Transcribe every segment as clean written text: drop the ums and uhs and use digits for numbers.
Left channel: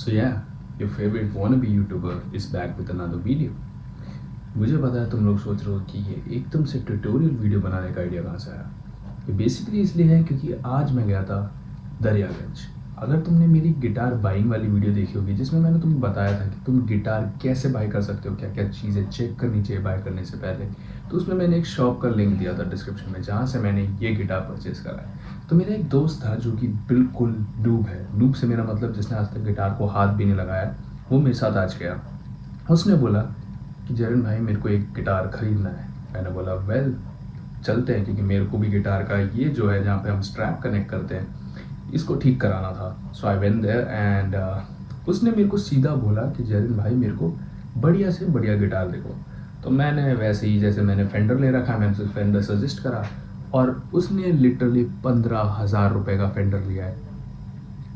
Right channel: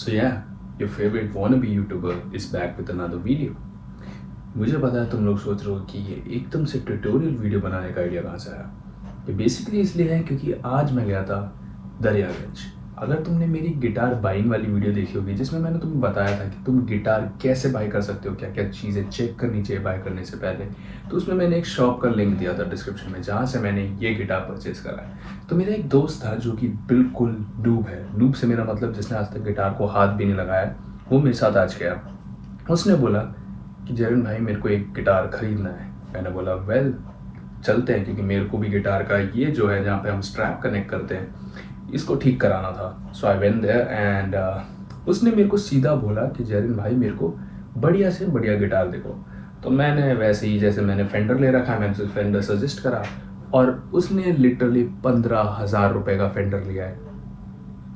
So yeah, your favorite wannabe YouTuber is back with another video. मुझे पता है तुम लोग सोच रहे हो कि ये एकदम से ट्यूटोरियल वीडियो बनाने का आइडिया कहाँ से आया। ये बेसिकली इसलिए है क्योंकि आज मैं गया था दरियागंज। अगर तुमने मेरी गिटार बाइंग वाली वीडियो देखी होगी जिसमें मैंने तुम्हें बताया था कि तुम गिटार कैसे बाई कर सकते हो, क्या क्या चीज़ें चेक करनी चाहिए बाई करने से पहले, तो उसमें मैंने एक शॉप का लिंक दिया था डिस्क्रिप्शन में जहाँ से मैंने ये गिटार परचेज़ करा है। तो मेरा एक दोस्त था जो कि बिल्कुल नूब है। नूब से मेरा मतलब जिसने आज तक गिटार को हाथ भी नहीं लगाया, वो मेरे साथ आज गया। उसने बोला कि जरन भाई मेरे को एक गिटार ख़रीदना है। मैंने बोला वेल चलते हैं, क्योंकि मेरे को भी गिटार का ये जो है जहाँ पे हम स्ट्रैप कनेक्ट करते हैं इसको ठीक कराना था। सो आई वेंट देयर एंड उसने मेरे को सीधा बोला कि जैरिन भाई मेरे को बढ़िया से बढ़िया गिटार देखो। तो मैंने वैसे ही जैसे मैंने फेंडर ले रखा है, मैंने उसे फेंडर सजेस्ट करा और उसने लिटरली 15,000 रुपये का फेंडर लिया है।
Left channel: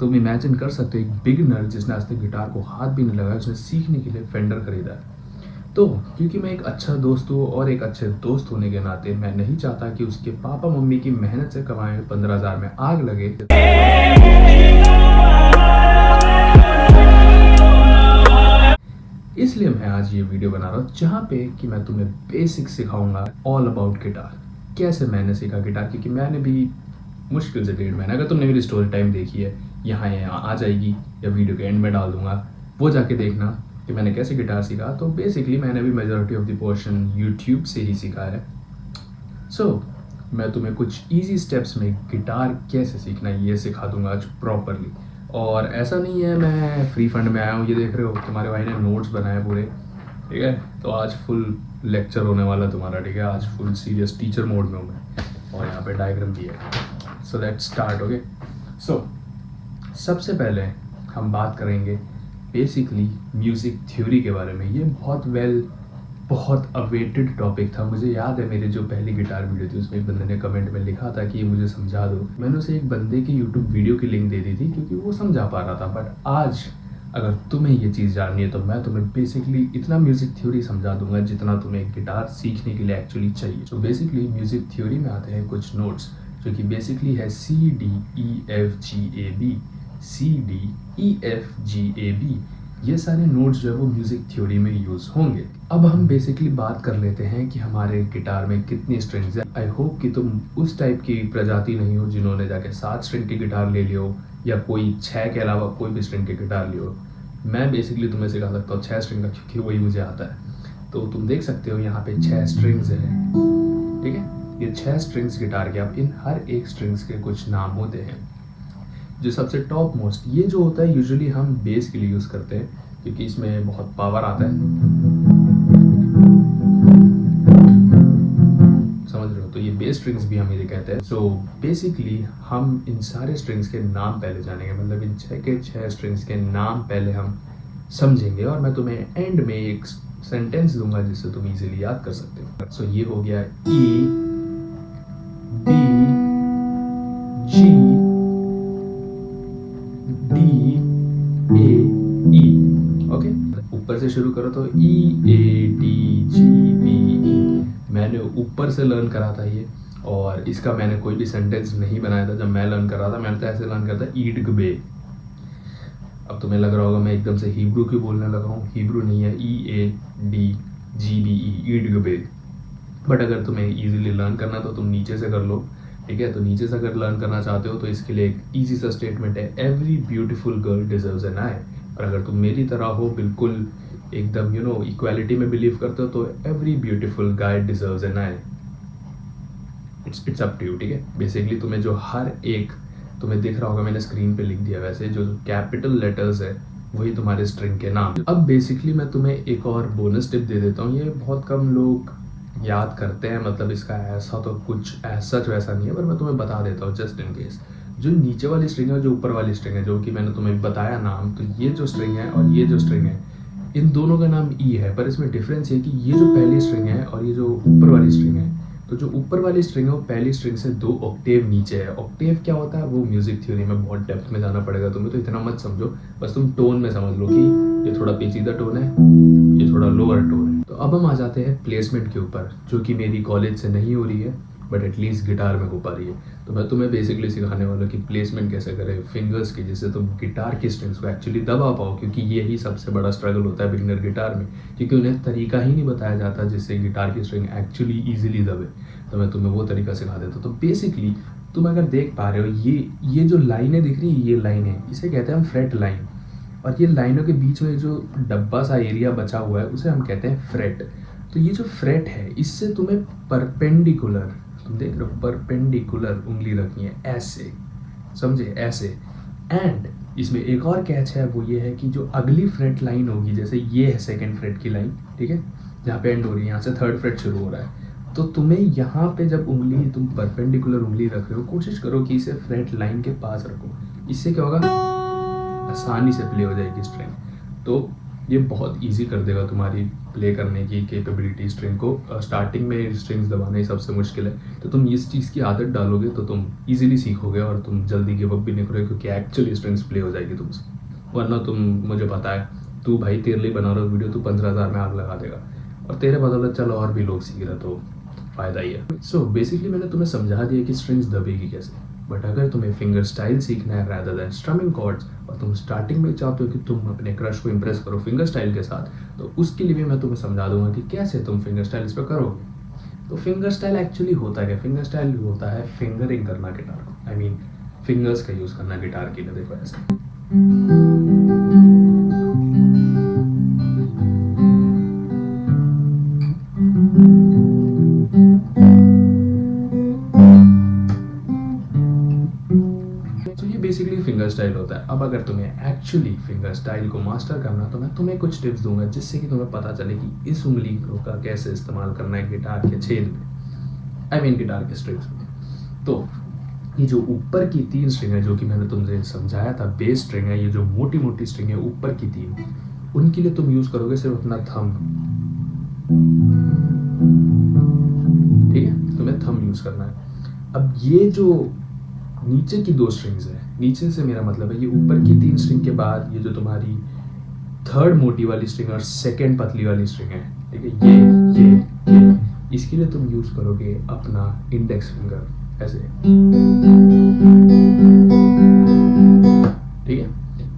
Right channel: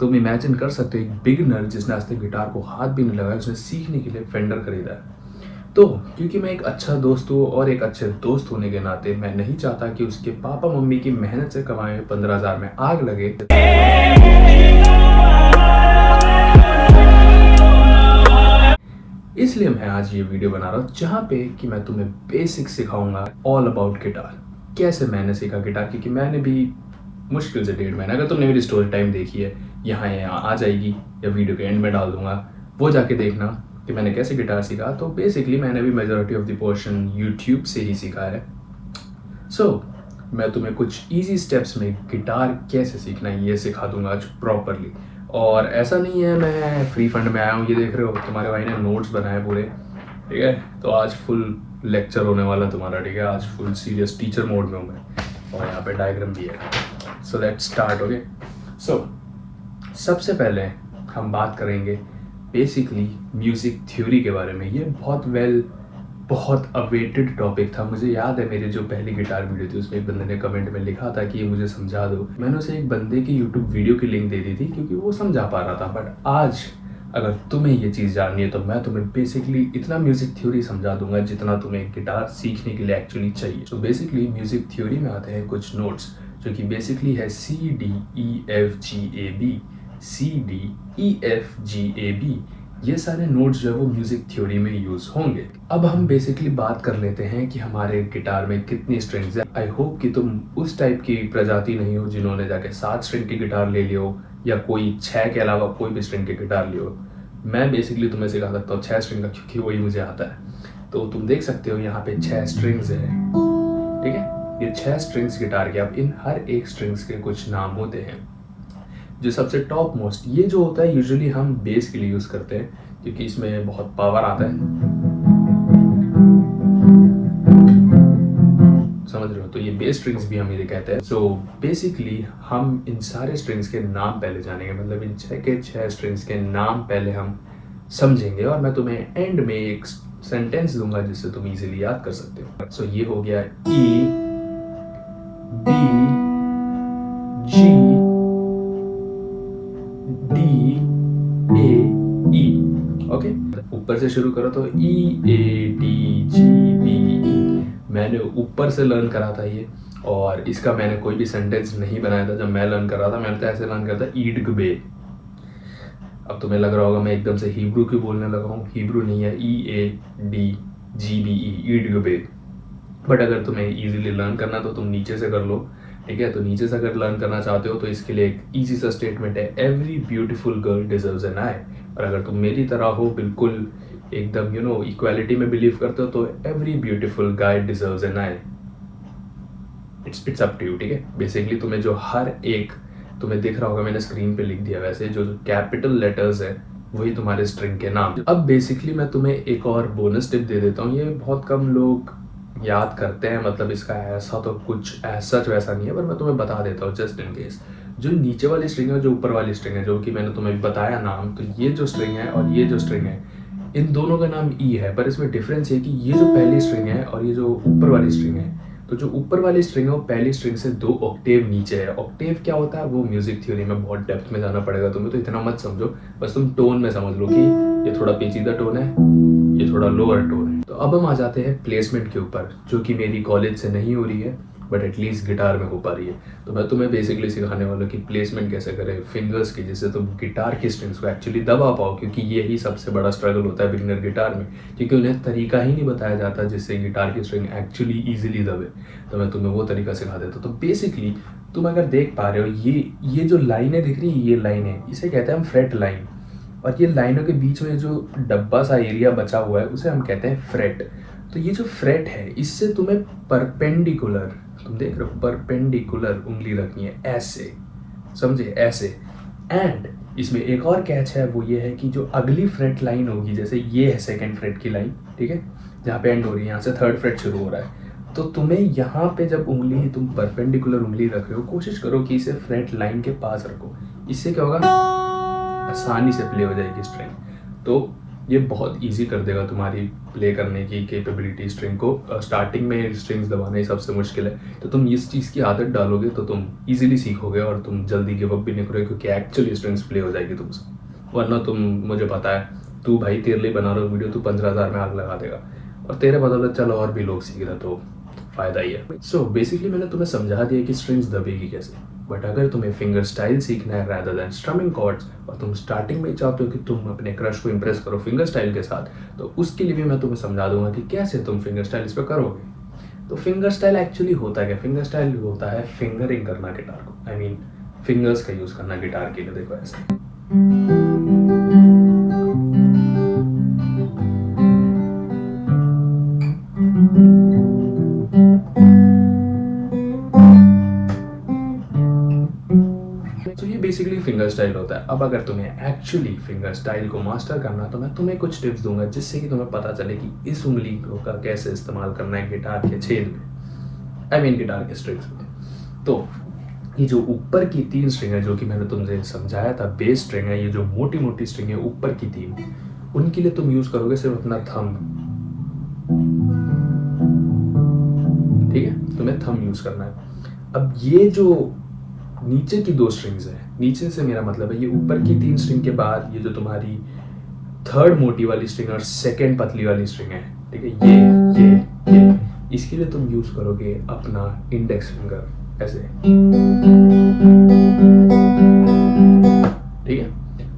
तुम इमेजिन कर सकते हो एक बिगिनर जिसने आज तक गिटार को हाथ भी नहीं लगाया, उसने सीखने के लिए फेंडर खरीदा है। तो क्योंकि मैं एक अच्छा दोस्त हूँ और एक अच्छे दोस्त होने के नाते मैं नहीं चाहता कि उसके पापा मम्मी की मेहनत से कमाए 15,000 में आग लगे, इसलिए मैं आज ये वीडियो बना रहा हूँ जहाँ पे कि मैं तुम्हें बेसिक सिखाऊंगा ऑल अबाउट गिटार। कैसे मैंने सीखा गिटार, क्योंकि मैंने भी मुश्किल से 1.5 महीना, अगर तुमने मेरी स्टोरी टाइम देखी है यहाँ आ जाएगी या वीडियो के एंड में डाल दूंगा, वो जाके देखना कि मैंने कैसे गिटार सीखा। तो बेसिकली मैंने भी majority of the portion YouTube से ही सीखा है। सो मैं तुम्हें कुछ इजी स्टेप्स में गिटार कैसे सीखना है ये सिखा दूंगा आज प्रॉपरली। और ऐसा नहीं है मैं फ्री फंड में आया हूँ, ये देख रहे हो तुम्हारे भाई ने नोट्स बनाए पूरे, ठीक है। तो आज फुल लेक्चर होने वाला तुम्हारा, ठीक है। आज फुल सीरियस टीचर मोड में हूँ मैं और यहाँ पे डायग्राम भी है। So let's start. ओके, सो सबसे पहले हम बात करेंगे बेसिकली म्यूज़िक थ्योरी के बारे में। ये बहुत अवेटेड टॉपिक था। मुझे याद है मेरी जो पहली गिटार वीडियो थी उसमें एक बंदे ने कमेंट में लिखा था कि ये मुझे समझा दो। मैंने उसे एक बंदे की यूट्यूब वीडियो की लिंक दे दी थी क्योंकि वो समझा पा रहा था। बट आज अगर तुम्हें ये चीज़ जाननी है तो मैं तुम्हें बेसिकली इतना म्यूज़िक थ्योरी समझा दूंगा जितना तुम्हें गिटार सीखने के लिए एक्चुअली चाहिए। तो बेसिकली म्यूज़िक थ्योरी में आते हैं कुछ नोट्स जो कि बेसिकली है CDEFGAB, CDEFGAB। ये सारे नोट्स जो है वो म्यूज़िक थ्योरी में यूज़ होंगे। अब हम बेसिकली बात कर लेते हैं कि हमारे गिटार में कितनी स्ट्रिंग्स है। आई होप कि तुम उस टाइप की प्रजाति नहीं हो जिन्होंने जाके 7 स्ट्रिंग की गिटार ले लियो या कोई 6 के अलावा कोई भी स्ट्रिंग की गिटार लियो। मैं बेसिकली तुम्हें सिखा सकता हूँ 6 स्ट्रिंग का, क्योंकि वही मुझे आता है। तो तुम देख सकते हो यहाँ पे 6 स्ट्रिंग्स है, ठीक है। ये 6 स्ट्रिंग्स गिटार के। अब इन हर एक स्ट्रिंग्स के कुछ नाम होते हैं। जो सबसे टॉप मोस्ट ये जो होता है यूजुअली हम बेस के लिए यूज़ करते हैं क्योंकि इसमें बहुत पावर आता है, समझ रहे हो। तो ये बेस स्ट्रिंग्स भी हम ये कहते हैं। सो बेसिकली हम इन सारे स्ट्रिंग्स के नाम पहले जानेंगे, मतलब इन 6 के 6 स्ट्रिंग्स के नाम पहले हम समझेंगे और मैं तुम्हें एंड में एक सेंटेंस दूंगा जिससे तुम इजीली याद कर सकते हो। सो ये हो गया E, B, G, D, A, E। Okay, ऊपर से शुरू करो तो E, A, D, G, B, E। मैंने ऊपर से लर्न करा था ये, और इसका मैंने कोई भी सेंटेंस नहीं बनाया था। जब मैं लर्न कर रहा था मैंने तो ऐसे लर्न करा था ईड गबे। अब तुम्हें लग रहा होगा मैं एकदम से हिब्रू क्यों बोलने लगा हूँ। हिब्रू नहीं है, EADGBE, ईड गबे। बट अगर तुम्हें इजीली लर्न करना तो तुम नीचे से कर लो, ठीक है। तो नीचे से अगर लर्न करना चाहते हो तो इसके लिए एक ईजी सा स्टेटमेंट है, every beautiful girl deserves an eye. और अगर तुम मेरी तरह हो, बिल्कुल एकदम इक्वालिटी में बिलीव करते हो, तो every beautiful guy deserves an eye. It's up to you, ठीक है। बेसिकली तुम्हें जो हर एक तुम्हें दिख रहा होगा, मैंने स्क्रीन पे लिख दिया, वैसे जो कैपिटल लेटर्स है वही तुम्हारे स्ट्रिंग के नाम। अब बेसिकली मैं तुम्हें एक और बोनस टिप दे देता हूँ। ये बहुत कम लोग याद करते हैं, मतलब इसका ऐसा तो कुछ सच वैसा नहीं है, पर मैं तुम्हें बता देता हूँ जस्ट इन केस। जो नीचे वाली स्ट्रिंग है, जो ऊपर वाली स्ट्रिंग है, जो कि मैंने तुम्हें बताया नाम, तो ये जो स्ट्रिंग है और ये जो स्ट्रिंग है, इन दोनों का नाम ई है। पर इसमें डिफरेंस ये कि ये जो पहली स्ट्रिंग है और ये जो ऊपर वाली स्ट्रिंग है, तो जो ऊपर वाली स्ट्रिंग है वो पहली स्ट्रिंग से 2 ऑक्टेव नीचे है। ऑक्टेव क्या होता है वो म्यूजिक थ्योरी में बहुत डेप्थ में जाना पड़ेगा तुम्हें, तो इतना मत समझो, बस तुम टोन में समझ लो कि ये थोड़ा पेचीदा टोन है, ये थोड़ा लोअर टोन है। तो अब हम आ जाते हैं प्लेसमेंट के ऊपर, जो कि मेरी कॉलेज से नहीं हो रही है बट एटलीस्ट गिटार में हो पा रही है। तो मैं तुम्हें बेसिकली सिखाने वाला हूँ कि प्लेसमेंट कैसे करें फिंगर्स की, जिससे तुम गिटार की स्ट्रिंग्स को एक्चुअली दबा पाओ, क्योंकि यही सबसे बड़ा स्ट्रगल होता है बिगिनर गिटार में, क्योंकि उन्हें तरीका ही नहीं बताया जाता जिससे गिटार की स्ट्रिंग एक्चुअली ईजिली दबे। तो मैं तुम्हें वो तरीका सिखा देता हूँ। तो बेसिकली तुम अगर देख पा रहे हो, ये जो लाइनें दिख रही है, ये लाइन है, इसे कहते हैं हम फ्रेट लाइन। और ये लाइनों के बीच में जो डब्बा सा एरिया बचा हुआ है उसे हम कहते हैं फ्रेट। तो ये जो फ्रेट है, इससे तुम्हें परपेंडिकुलर, तुम देख रहे हो, परपेंडिकुलर उंगली रखनी है, ऐसे, समझे, ऐसे। एंड इसमें एक और कैच है, वो ये है कि जो अगली फ्रेट लाइन होगी, जैसे ये है सेकंड फ्रेट की लाइन, ठीक है, जहाँ पे एंड हो रही है, यहाँ से थर्ड फ्रेट शुरू हो रहा है। तो तुम्हें यहाँ पे जब उंगली, तुम परपेंडिकुलर उंगली रख रहे हो, कोशिश करो कि इसे फ्रेट लाइन के पास रखो। इससे क्या होगा, आसानी से प्ले हो जाएगी स्ट्रिंग। तो ये बहुत इजी कर देगा तुम्हारी प्ले करने की कैपेबिलिटी स्ट्रिंग को। स्टार्टिंग में स्ट्रिंग्स दबाना ही सबसे मुश्किल है, तो तुम इस चीज़ की आदत डालोगे तो तुम इजीली सीखोगे और तुम जल्दी गिव अप भी नहीं करोगे, क्योंकि एक्चुअली स्ट्रिंग्स प्ले हो जाएगी तुमसे। वरना तुम, मुझे पता है, तू भाई तेरे लिए बना रहा हो वीडियो, तू 15,000 में आग लगा देगा, और तेरे बदौलत चलो और भी लोग सीख रहे, तो फ़ायदा ही है। सो बेसिकली मैंने तुम्हें समझा दिया कि स्ट्रिंग्स दबेगी कैसे। बट अगर तुम्हें फिंगर स्टाइल सीखना है रैदर देन स्ट्रमिंग कॉर्ड्स, और तुम स्टार्टिंग में चाहते हो कि तुम अपने क्रश को इंप्रेस करो फिंगर स्टाइल के साथ, तो उसके लिए भी मैं तुम्हें समझा दूंगा कि कैसे तुम फिंगर स्टाइल इस पर करोगे। तो फिंगर स्टाइल एक्चुअली होता क्या, फिंगर स्टाइल होता है फिंगरिंग करना गिटार को, आई मीन फिंगर्स का यूज़ करना गिटार के लिए। देखो ऐसे, बेसिकली फिंगर स्टाइल होता है। अब अगर तुम्हें एक्चुअली फिंगर स्टाइल को मास्टर करना, तो मैं तुम्हें कुछ टिप्स दूंगा जिससे कि तुम्हें पता चले कि इस उंगली का कैसे इस्तेमाल करना है गिटार के छेद में, आई मीन गिटार के स्ट्रिंग्स में। तो ये जो ऊपर की 3 स्ट्रिंग है, जो कि मैंने तुमसे समझाया था, बेस स्ट्रिंग है, ये जो मोटी मोटी स्ट्रिंग है ऊपर की 3, उनके लिए तुम यूज करोगे सिर्फ अपना थंब, ठीक है, तुम्हें थंब यूज करना है। अब ये जो नीचे की 2 स्ट्रिंग्स है, नीचे से मेरा मतलब है ये ऊपर की 3 स्ट्रिंग के बाद ये जो तुम्हारी थर्ड मोटी वाली स्ट्रिंग और सेकंड पतली वाली स्ट्रिंग है, ठीक है, ये इसके लिए तुम यूज करोगे अपना इंडेक्स फिंगर, ऐसे, ठीक है।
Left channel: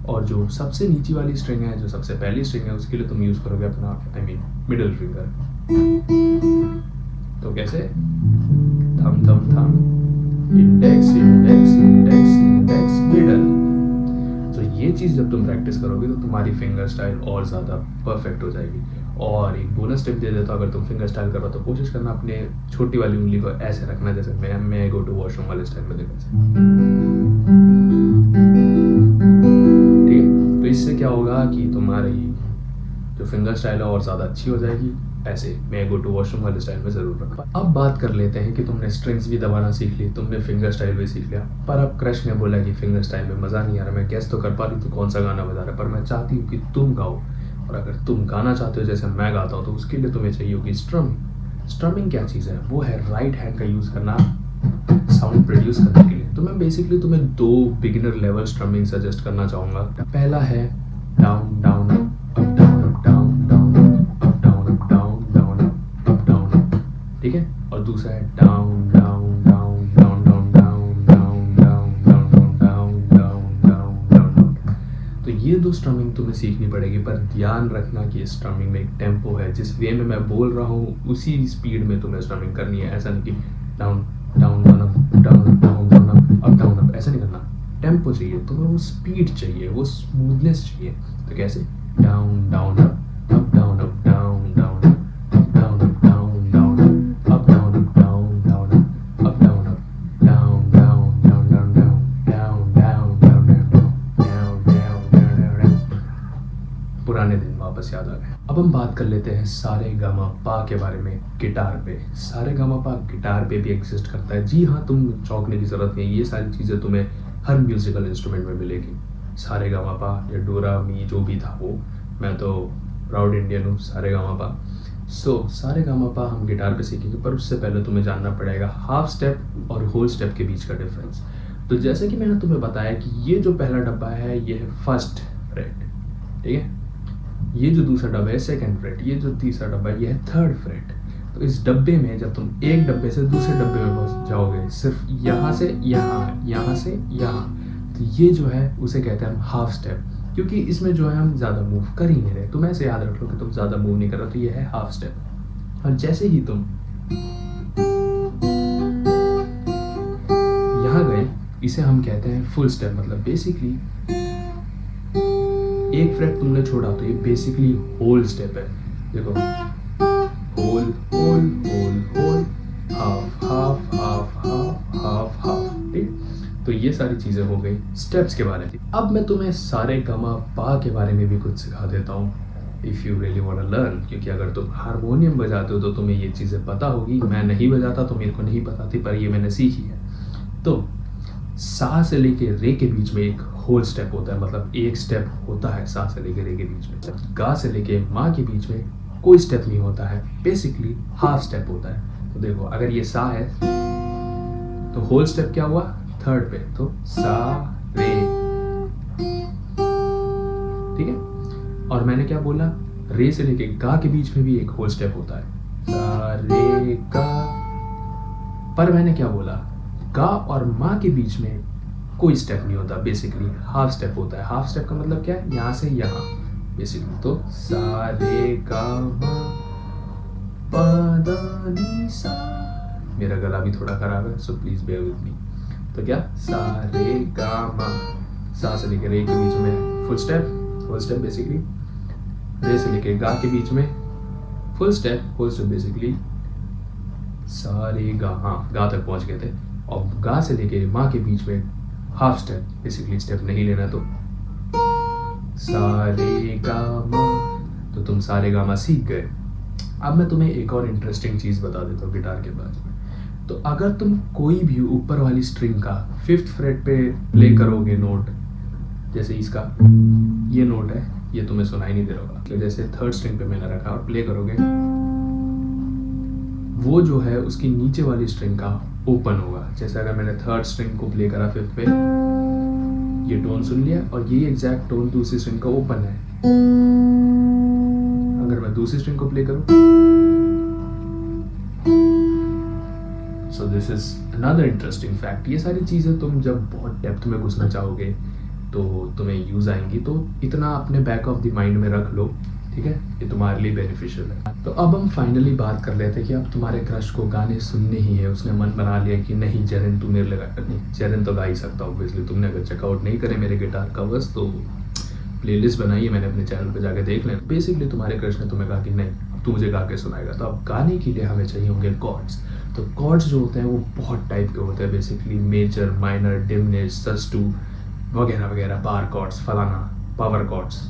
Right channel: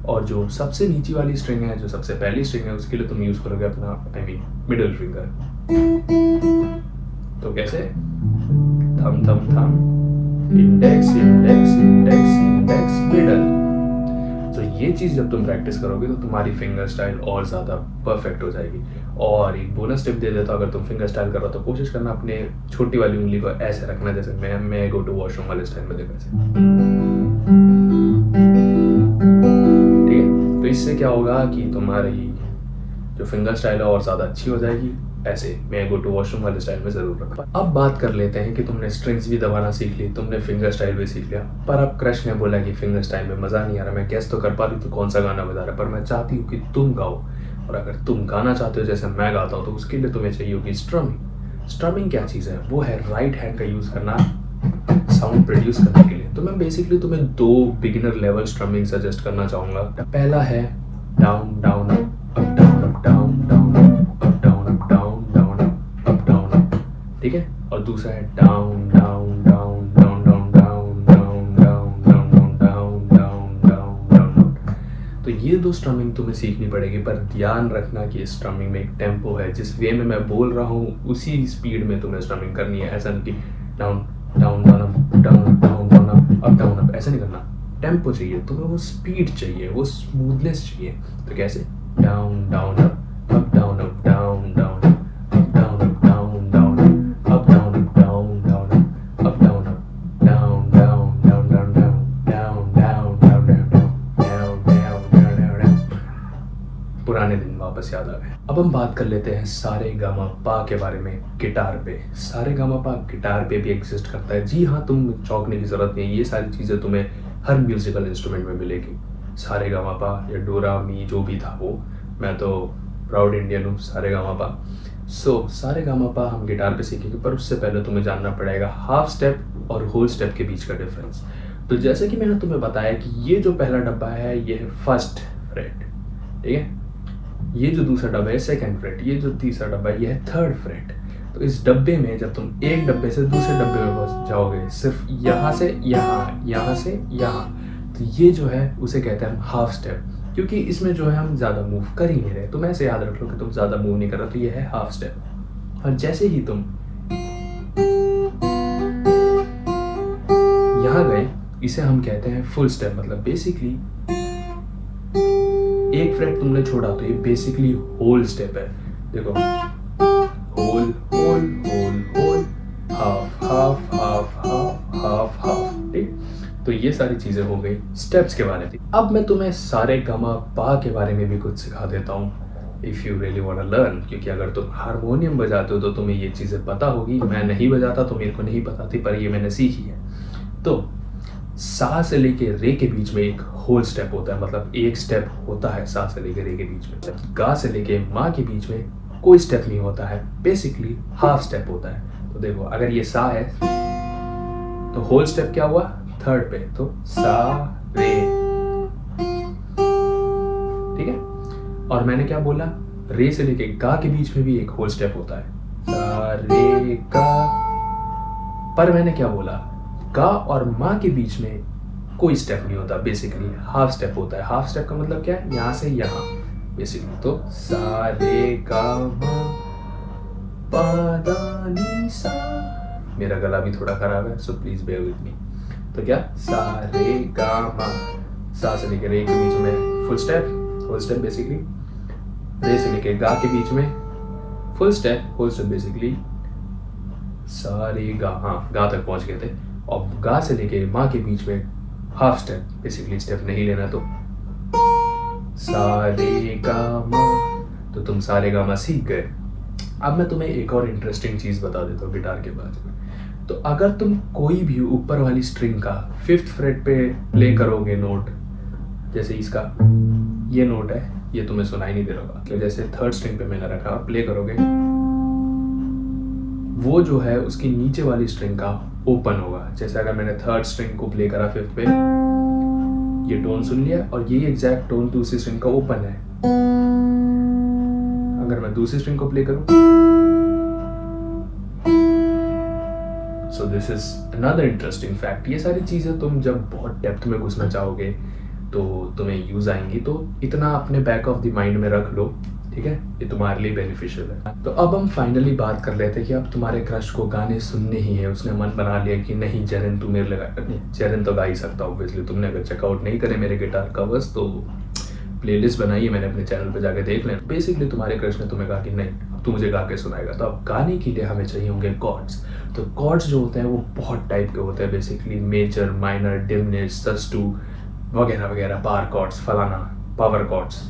और जो सबसे नीची वाली स्ट्रिंग है, जो सबसे पहली स्ट्रिंग है, उसके लिए तुम यूज करोगे अपना, आई मीन मिडिल फिंगर। तो कैसे, थम थम थम, index index index index middle. तो ये चीज़ जब तुम प्रैक्टिस करोगे तो तुम्हारी फिंगर स्टाइल और ज़्यादा परफेक्ट हो जाएगी। और एक बोनस टिप दे देता हूँ, अगर तुम फिंगर स्टाइल कर रहे हो तो कोशिश करना अपने छोटी वाली उंगली को ऐसे रखना, जैसे मैं गो टू वॉशरूम वाले स्टाइल में, देखो ऐसे, ठीक है। तो इससे क्या होगा कि तुम्हारी जो फिंगर स्टाइल है और ज़्यादा अच्छी हो जाएगी। ऐसे मैं गो टू वॉशरूम वाले स्टाइल में जरूर रखा। अब बात कर लेते हैं कि तुमने स्ट्रिंग्स भी दबाना सीख ली, तुमने फिंगर स्टाइल भी सीख लिया, पर अब क्रश ने बोला कि फिंगर स्टाइल में मज़ा नहीं आ रहा, मैं गेस तो कर पा रही तो कौन सा गाना बजा रहा है, पर मैं चाहती हूँ कि तुम गाओ। और अगर तुम गाना चाहते हो जैसे मैं गाता हूँ, तो उसके लिए तुम्हें चाहिए होगी स्ट्रमिंग। स्ट्रमिंग क्या चीज़ है, वो है राइट हैंड का यूज़ करना साउंड प्रोड्यूस करने के लिए। तो मैं बेसिकली तुम्हें 2 बिगिनर लेवल स्ट्रमिंग सजेस्ट करना चाहूँगा। पहला है down down up down up down down up down up down down up down up, ठीक है। और दूसरा है down down down down down down down down down down down down down. तो ये 2 स्ट्रमिंग तुम्हें सीखनी पड़ेगी, पर ध्यान रखना कि इस स्ट्रमिंग में एक टेम्पो है, जिस वे में मैं बोल रहा हूँ उसी स्पीड में तुम्हें स्ट्रमिंग करनी है। ऐसा नहीं कि down down down up down up down down up down up, ऐसा नहीं करना। टेम्पो चाहिए तुम्हें, वो स्पीड चाहिए, वो स्मूथनेस चाहिए। तो कैसे, down down up down up down down up down up down down up down up down down up down up down down down down down down down down down down. पुराने दिन वापस याद आ गए। अब हम बात कर लेते हैं सारे गामा पा के बारे में गिटार पे। सारे गामा पा गिटार पे भी एग्जिस्ट करता है। जी हाँ, तुम चौंकने की जरूरत नहीं है, ये सारी चीज़ें तुम्हें हर म्यूजिकल इंस्ट्रूमेंट में मिलेगी। सारे गामा पा या डोरा मी जो भी था वो, मैं तो प्राउड इंडियन हूँ, सारे गामा पा। सारे गामा पा हम गिटार पे सीखेंगे, पर उससे पहले तुम्हें जानना पड़ेगा हाफ स्टेप और होल स्टेप के बीच का डिफरेंस। तो जैसे कि मैंने तुम्हें बताया कि ये जो पहला डब्बा है ये है फर्स्ट फ्रेट, ठीक है। ये जो दूसरा डब्बा है सेकंड फ्रेट, ये जो तीसरा डब्बा है ये है थर्ड फ्रेट। तो इस डब्बे में जब तुम एक डब्बे से दूसरे डब्बे में पहुंच जाओगे, सिर्फ यहाँ से यहाँ, यहाँ से यहाँ, तो ये जो है उसे कहते हैं हम हाफ स्टेप, क्योंकि इसमें जो है हम ज़्यादा मूव कर ही नहीं रहे। तुम ऐसे याद रख लो कि तुम ज़्यादा मूव नहीं कर रहे, तो ये है हाफ स्टेप। और जैसे ही तुम यहाँ गए, इसे हम कहते हैं फुल स्टेप। मतलब बेसिकली एक फ्रेट तुमने छोड़ा तो ये बेसिकली होल स्टेप है। देखो, whole whole whole whole, half half half half half half, ठीक। तो ये सारी चीजें हो गई स्टेप्स के बारे में। अब मैं तुम्हें सारे गामा पा के बारे में भी कुछ सिखा देता हूँ, if you really want to learn. क्योंकि अगर तुम हारमोनियम बजाते हो तो तुम्हें ये चीजें पता होगी। मैं नहीं बजाता तो मेरे को नहीं पता थी, पर ये मैंने सीखी है। तो सा से लेके रे के बीच में एक होल स्टेप होता है, मतलब एक स्टेप होता है सा से लेके रे के बीच में। गा से लेके माँ के बीच में कोई स्टेप नहीं होता है, बेसिकली हाफ स्टेप होता है। तो देखो, अगर ये सा है तो होल स्टेप क्या हुआ, थर्ड पे, तो सा रे, ठीक है। और मैंने क्या बोला, रे से लेके गा के बीच में भी एक होल स्टेप होता है, सा रे गा। पर मैंने क्या बोला, गा और माँ के बीच में कोई स्टेप नहीं होता, बेसिकली हाफ स्टेप होता है। हाफ स्टेप का मतलब क्या है, यहाँ से यहाँ बेसिकली। तो सा रे गा मा पा दा नी सा। मेरा गला भी थोड़ा खराब है, so please bear with me. तो क्या, सा रे गा मा, सा से लेके रे के बीच में full step, whole step basically. रे से लेके गा के बीच में full step, whole step basically. सा रे गा, हाँ गा तक पहुंच गए थे। और गा से लेके माँ के बीच में हाफ स्टेप, बेसिकली स्टेप नहीं लेना। तो सा रे गा मा, तो तुम सा रे गा मा सीख गए। अब मैं तुम्हें एक और इंटरेस्टिंग चीज बता देता हूँ गिटार के बारे में। तो अगर तुम कोई भी ऊपर वाली स्ट्रिंग का 5th फ्रेट पे प्ले करोगे नोट, जैसे इसका ये नोट है, ये तुम्हें सुनाई नहीं दे रहा होगा, जैसे 3rd स्ट्रिंग पे मैंने रखा और प्ले करोगे, वो जो है उसकी नीचे वाली स्ट्रिंग का ओपन होगा। जैसे अगर मैंने 3rd स्ट्रिंग को प्ले करा 5th पे, ये टोन सुन लिया और ये एग्जैक्ट टोन दूसरी स्ट्रिंग का ओपन है। अगर मैं दूसरी स्ट्रिंग को प्ले करूं, so this is another interesting fact. ये सारी चीजें तुम जब बहुत डेप्थ में घुसना चाहोगे तो तुम्हें यूज आएंगी, तो इतना अपने बैक ऑफ द माइंड में रख लो, ठीक है। ये तुम्हारे लिए बेनिफिशियल है। तो अब हम फाइनली बात कर लेते हैं कि अब तुम्हारे क्रश को गाने सुनने ही है, उसने मन बना लिया कि नहीं जरन तू मेरे लगा, नहीं जरन तो गा ही सकता हूँ ऑब्वियसली। तुमने अगर चेकआउट नहीं करे मेरे गिटार कवर्स तो प्लेलिस्ट बनाई है मैंने अपने चैनल पे, जाके देख लेना। बेसिकली तुम्हारे क्रश ने तुम्हें कहा कि नहीं अब तू मुझे गा के सुनाएगा। तो अब गाने के लिए हमें चाहिए होंगे कॉर्ड्स। तो कॉर्ड्स जो होते हैं वो बहुत टाइप के होते हैं, बेसिकली मेजर, माइनर, डिमिनिश, सस्टू वगैरह वगैरह, बार कॉर्ड्स, फलाना, पावर कॉर्ड्स,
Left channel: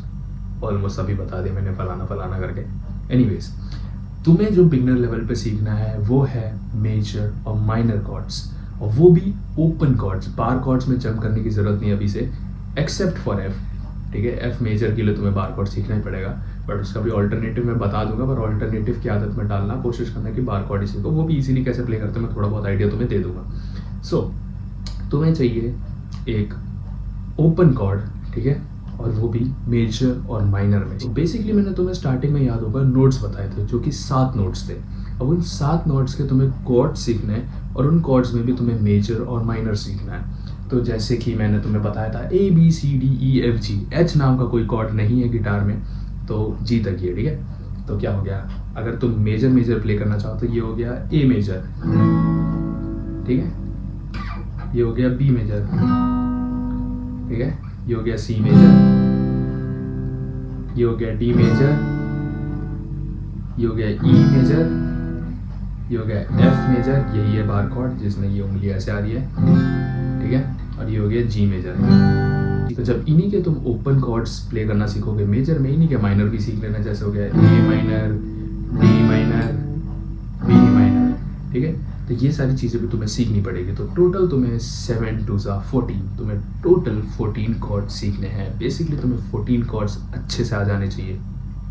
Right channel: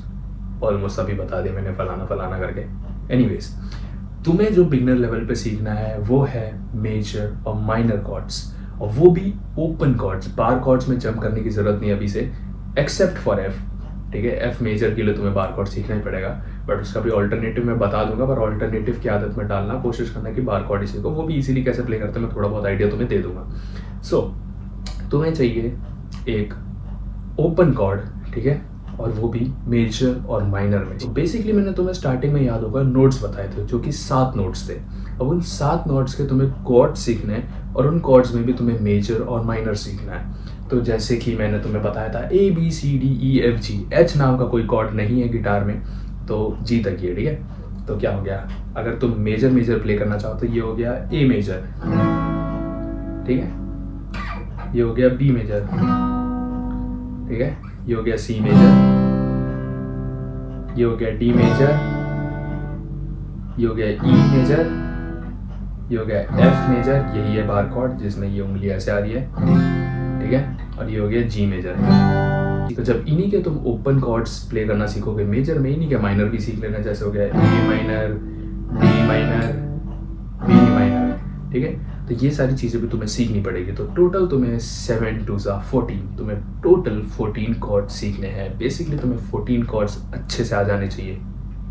ऑलमोस्ट सभी बता दिया मैंने फलाना फलाना करके। एनीवेज, तुम्हें जो बिगनर लेवल पे सीखना है वो है मेजर और माइनर कॉर्ड्स, और वो भी ओपन कॉर्ड्स। बार कॉर्ड्स में जंप करने की जरूरत नहीं अभी से, एक्सेप्ट फॉर एफ, ठीक है। एफ मेजर के लिए तुम्हें बार कॉर्ड सीखना ही पड़ेगा, बट उसका भी ऑल्टरनेटिव मैं बता दूंगा। पर ऑल्टरनेटिव की आदत में डालना, कोशिश करना कि बार कॉर्ड ही सीखो, वो भी इजीली कैसे प्ले करते हैं मैं थोड़ा बहुत आइडिया तुम्हें दे दूंगा। सो तुम्हें चाहिए एक ओपन कॉर्ड, ठीक है, और वो भी मेजर और माइनर में। तो बेसिकली मैंने तुम्हें स्टार्टिंग में याद होगा नोट्स बताए थे, जो कि 7 नोट्स थे। अब उन 7 नोट्स के तुम्हें कॉर्ड सीखने हैं, और उन कॉर्ड्स में भी तुम्हें मेजर और माइनर सीखना है। तो जैसे कि मैंने तुम्हें बताया था ABCDEFG, H नाम का कोई कॉर्ड नहीं है गिटार में, तो G तक ये, ठीक है। तो क्या हो गया, अगर तुम मेजर मेजर प्ले करना चाहो तो ये हो गया A मेजर, ठीक है, ये हो गया B मेजर, ठीक है, ये हो गया C मेजर, ये हो गया D मेजर, ये हो गया E मेजर, ये हो गया F मेजर, यही है बार कॉर्ड जिसमें ये उंगली ऐसे आ रही है, ठीक है, और ये हो गया G मेजर। तो जब इन्हीं के तुम ओपन कॉर्ड्स प्ले करना सीखोगे मेजर में, इन्हीं के माइनर भी सीख लेना, जैसे हो गया A minor, D minor, B minor, ठीक है। तो ये सारी चीज़ें भी तुम्हें सीखनी पड़ेगी। तो टोटल तुम्हें 7 2 14, तुम्हें टोटल 14 कॉर्ड्स सीखने हैं। बेसिकली तुम्हें 14 कॉर्ड्स अच्छे से आ जाने चाहिए,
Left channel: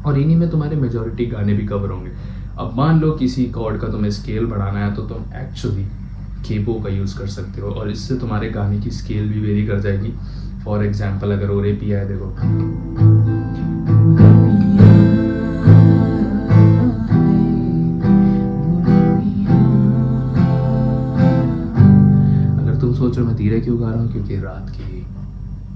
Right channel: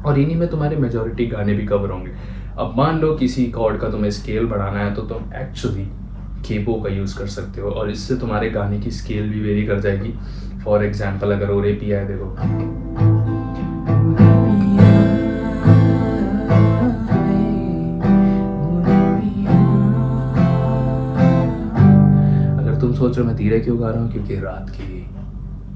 और इन्हीं में तुम्हारे मेजॉरिटी गाने भी कवर होंगे। अब मान लो किसी कॉर्ड का तुम्हें स्केल बढ़ाना है, तो तुम एक्चुअली केबो का यूज़ कर सकते हो, और इससे तुम्हारे गाने की स्केल भी वेरी कर जाएगी। फॉर एग्जाम्पल, अगर ओरे पिया है, देखो, सोच रहे हो मैं धीरे क्यों गा रहा हूँ, क्योंकि रात के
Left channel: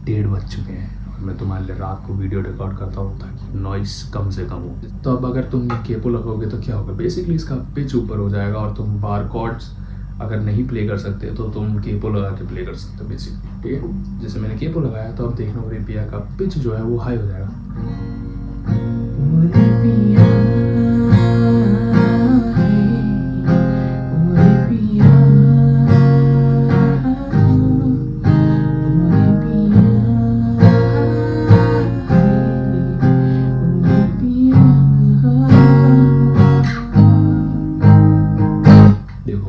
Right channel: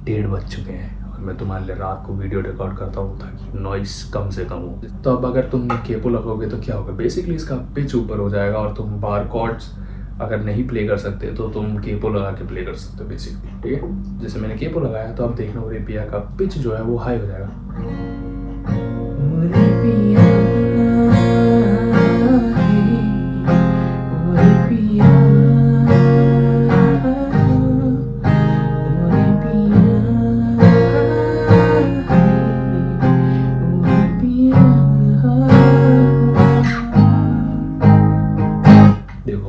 1:30 बज चुके हैं और मैं तुम्हारे लिए रात को वीडियो रिकॉर्ड करता हूँ ताकि नॉइस कम से कम हो। तो अब अगर तुम केपो लगोगे तो क्या होगा, बेसिकली इसका पिच ऊपर हो जाएगा और तुम बार कॉर्ड्स अगर नहीं प्ले कर सकते तो तुम केपो लगा के प्ले कर सकते हो बेसिकली, ठीक है। जैसे मैंने केपो लगाया तो अब देखना ओरे पिया का पिच जो है वो हाई हो जाएगा। ओरे पिया, ओरे पिया, ओरे पिया, ओरे पिया। देखो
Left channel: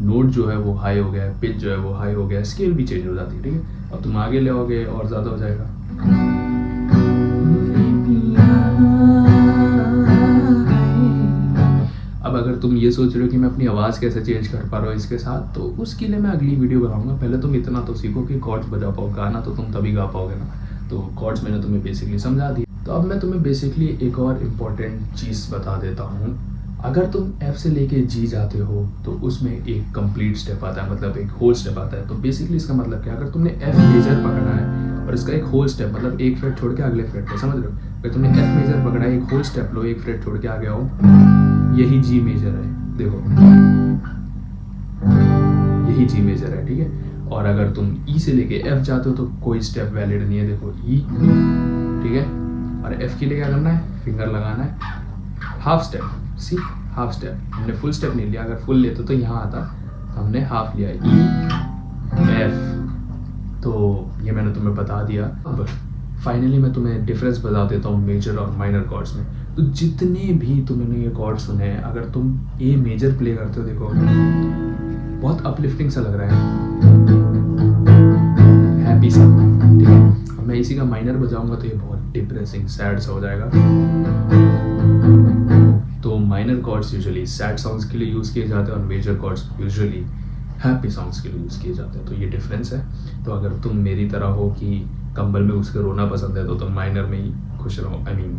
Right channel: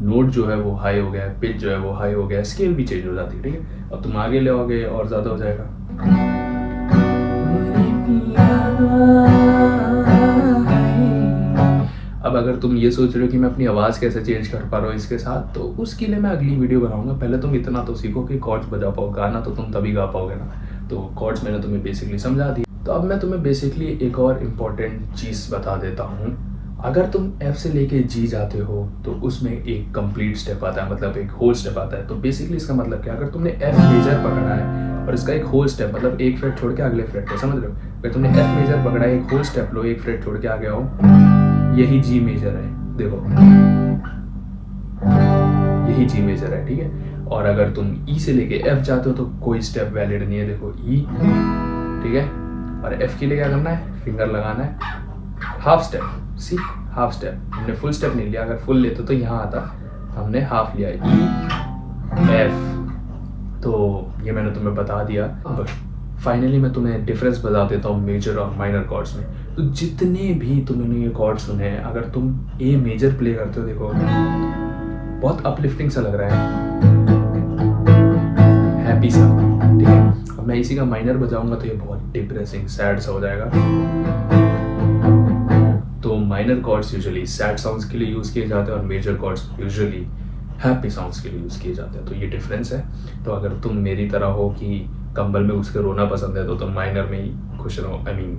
नोट जो है वो हाई हो गया है, पिच जो है वो हाई हो गया है, स्केल भी चेंज हो जाती है, ठीक है। अब तुम आगे ले आओगे और ज़्यादा हो जाएगा। अब अगर तुम ये सोच रहे हो कि मैं अपनी आवाज़ कैसे चेंज कर पा रहा हूँ इसके साथ, तो उसके लिए मैं अगली वीडियो बनाऊंगा। पहले तुम इतना तो सीखो कि कॉर्ड्स बजा पाओ, गाना तो तुम तभी गा पाओगे ना। तो कॉर्ड्स मैंने तुम्हें बेसिकली समझा दी। तो अब मैं तुम्हें बेसिकली एक और इम्पॉर्टेंट चीज़ बता देता हूँ। अगर तुम F से लेके G जाते हो तो उसमें एक कंप्लीट स्टेप आता है, मतलब एक होल स्टेप आता है। तो बेसिकली इसका मतलब क्या, अगर तुमने F मेजर पकड़ा है और इसका एक होल स्टेप, मतलब एक फ्रेट छोड़ के अगले फ्रेट पे, समझ रहे हो। अगर तुमने F मेजर पकड़ा है, एक होल स्टेप लो, एक फ्रेट छोड़ के आ गए हो, यही G मेजर है। देखो यही G मेजर है, ठीक है। और अगर तुम E से लेके F जाते हो तो कोई स्टेप वैलिड नहीं है। देखो E, ठीक है। और F के लिए क्या करना है, फिंगर लगाना है, हाफ स्टेप, सी हाफ स्टेप। हमने फुल स्टेप नहीं लिया, अगर फुल लेते तो यहाँ आता, हमने हाफ लिया, E F। तो ये मैंने तुम्हें बता दिया। अब फाइनली मैं तुम्हें डिफरेंस बता देता हूँ मेजर और माइनर कॉर्ड्स में। तो जितने भी तुमने ये कॉर्ड सुने हैं, अगर तुम ए मेजर प्ले करते हो, देखो बहुत अपलिफ्टिंग सा लग रहा है, हैप्पी सा, ठीक है। अब मैं इसी का माइनर बजाऊंगा तो ये बहुत डिप्रेसिंग सैड सा हो जाएगा। तो minor chords usually sad songs के लिए यूज़ किए जाते हैं और major chords usually happy songs के लिए यूज़ किए जाते हैं। तो ये डिफरेंस है। तो अगर तुम मेरी तरह हो कि कंबल में उसके रोना पसंद है तो तुम माइनर में ही खुश रहो। आई मीन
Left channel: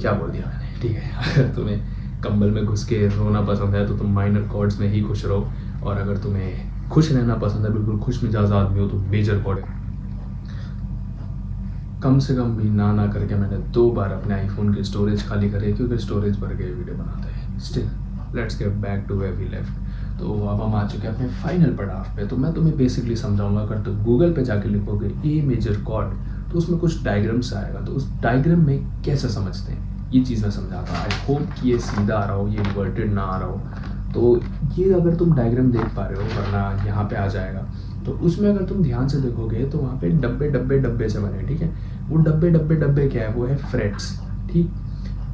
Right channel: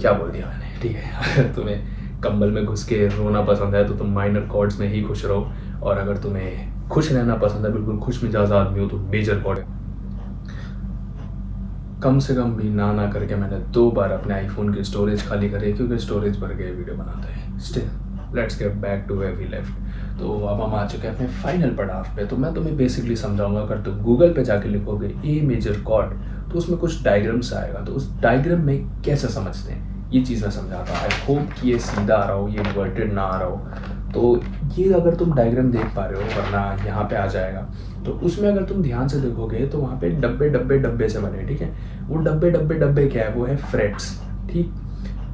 क्या बोल दिया मैंने, ठीक है। अगर तुम्हें कंबल में घुस के रोना पसंद है तो तुम माइनर कॉर्ड्स में ही खुश रहो, और अगर तुम्हें खुश रहना पसंद है, बिल्कुल खुश मिजाज आदमी हो, तो मेजर कॉर्ड। कम से कम भी ना करके मैंने 2 बार अपने आईफोन की स्टोरेज खाली करी है, क्योंकि स्टोरेज भर गई वीडियो बनाते हैं। Still let's get back to where we left. तो अब हम आ चुके हैं अपने फाइनल पड़ाव पे। तो मैं तुम्हें बेसिकली समझाऊंगा। अगर तुम गूगल पे जाके लिखोगे ए मेजर कॉर्ड तो उसमें कुछ डायग्राम्स आएगा, तो उस डायग्राम में कैसे समझते हैं ये चीज़ मैं समझाता हूँ। आई होप कि ये सीधा आ रहा हो, ये इन्वर्टेड ना आ रहा हो। तो ये अगर तुम डायग्राम देख पा रहे हो, वरना यहाँ पे आ जाएगा, तो उसमें अगर तुम ध्यान से देखोगे तो वहाँ पे डब्बे डब्बे डब्बे से बने, ठीक है। वो डब्बे डब्बे डब्बे क्या है, वो है फ्रेट्स, ठीक।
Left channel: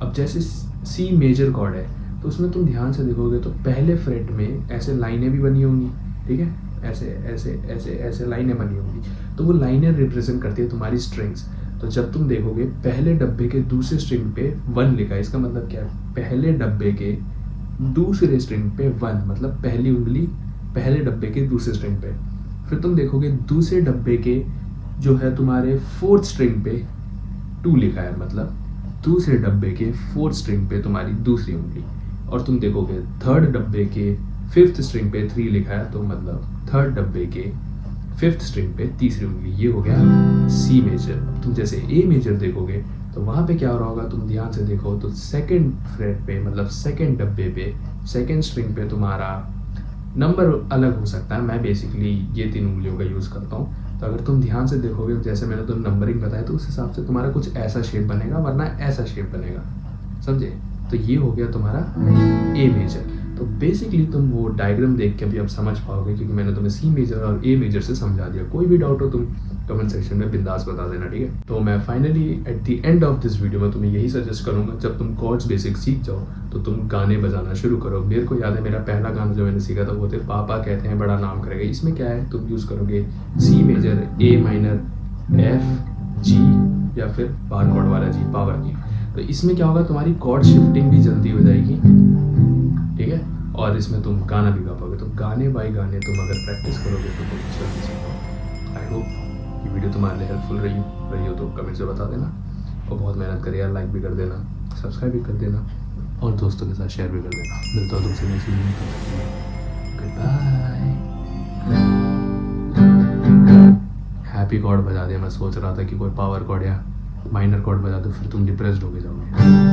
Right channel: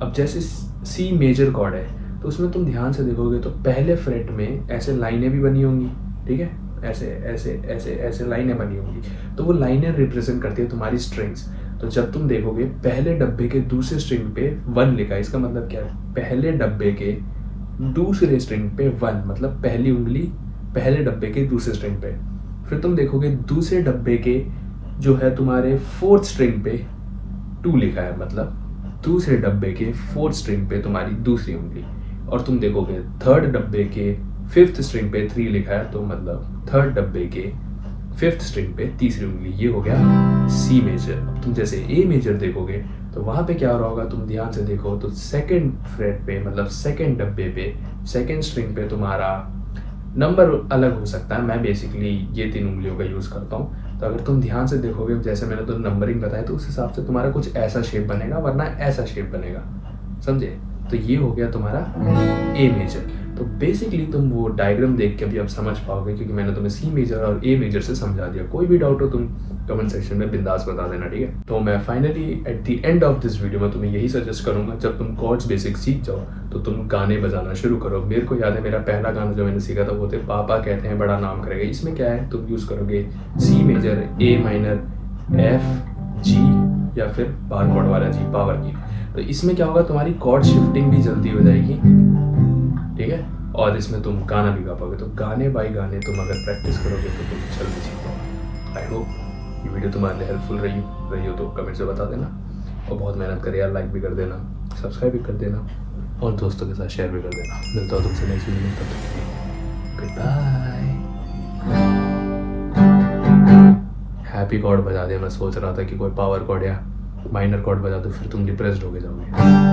अब जैसे सी मेजर कॉर्ड है तो उसमें तुम ध्यान से देखोगे तो पहले फ्रेट में ऐसे लाइनें भी बनी होंगी, ठीक है। ऐसे ऐसे ऐसे ऐसे लाइनें बनी होंगी, तो वो लाइनें रिप्रेजेंट करती है तुम्हारी स्ट्रिंग्स। तो जब तुम देखोगे पहले डब्बे के दूसरे स्ट्रिंग पे 1 लिखा है, इसका मतलब क्या है, पहले डब्बे के दूसरे स्ट्रिंग पे 1, मतलब पहली उंगली पहले डब्बे के दूसरे स्ट्रिंग पे। फिर तुम देखोगे दूसरे डब्बे के जो है तुम्हारे 4th स्ट्रिंग पे 2 लिखा है, मतलब दूसरे डब्बे के 4th स्ट्रिंग पे तुम्हारी दूसरी उंगली। और तुम देखोगे 3rd डब्बे के 5th स्ट्रिंग पे 3 लिखा है, तो मतलब 3rd डब्बे के 5th स्ट्रिंग पे तीसरी उंगली। ये हो गया सी मेजर। अब तुम जैसे ए मेजर देखोगे तो वहाँ पे क्या हो रहा होगा, तुम ध्यान से देखो तो 2nd फ्रेट पे, मतलब 2nd डब्बे पे 2nd स्ट्रिंग पे तुम्हारा नंबर अलग हो सकता है। मैं बेसिकली ये 3 उंगलियों का यूज़ करता हूँ। तो अगर तुम ध्यान से देखोगे, जैसे मैंने तो नंबरिंग बताया, तो उस हिसाब से तुम्हारा कुछ ऐसा शेप बनेगा, वरना ऐसा शेप बनेगा, समझे। तो ये हो गया तुम्हारा ए मेजर। तो बेसिकली तुम वो डायग्राम देख के भी अब समझ पाओगे, क्योंकि मैंने तुम्हें सी मेजर और ए मेजर से समझा दिया। कोई भी डाउट हो तुम कमेंट सेक्शन में बिंदास बता देना, ठीक है। तो मैं finally at the end of this video में तुम्हें यही सजेस्ट करूंगा, जब तुम कॉर्ड्स बेसिक सीख जाओ तो तुम गाने बजाना शुरू करो। मेरे को याद है मेरा पहला गाना जो मैंने सीखा था वो थे पापा कहते हैं बड़ा नाम करेगा। इसमें क्या है, तुम यूज़ करोगे C major, A minor, F, G, या फिर बार कॉर्ड वाला जी, पावर की। तो इसमें क्या होगा, तुम्हारी कॉर्ड शिफ्टिंग भी जल्दी हो जाएगी, ठीक है। और इसमें तुम गाना भी गा पाओगे। तो गाने बाय गाने तुम अगर प्रैक्टिस करोगे तो तुम जल्दी सीख पाओगे। आई होप ये वीडियो तुम्हारे लिए हेल्पफुल रही हो तो कमेंट से बता देना, और बहुत मेहनत करे यार, लाइक भी कर देना, सब्सक्राइब भी कर देना, और दोस्तों के साथ शेयर भी कर देना। मिलता हूँ तुमसे नेक्स्ट वीडियो में, तब तक के लिए गुड बाय। हैप्पी कॉर्ड बजा दिया। मैं सोच रहा था कि कोई पावर कॉर्ड या माइनर कॉर्ड बजा दूँ, फिर तुम डिप्रेस्ड हो के जाओगे।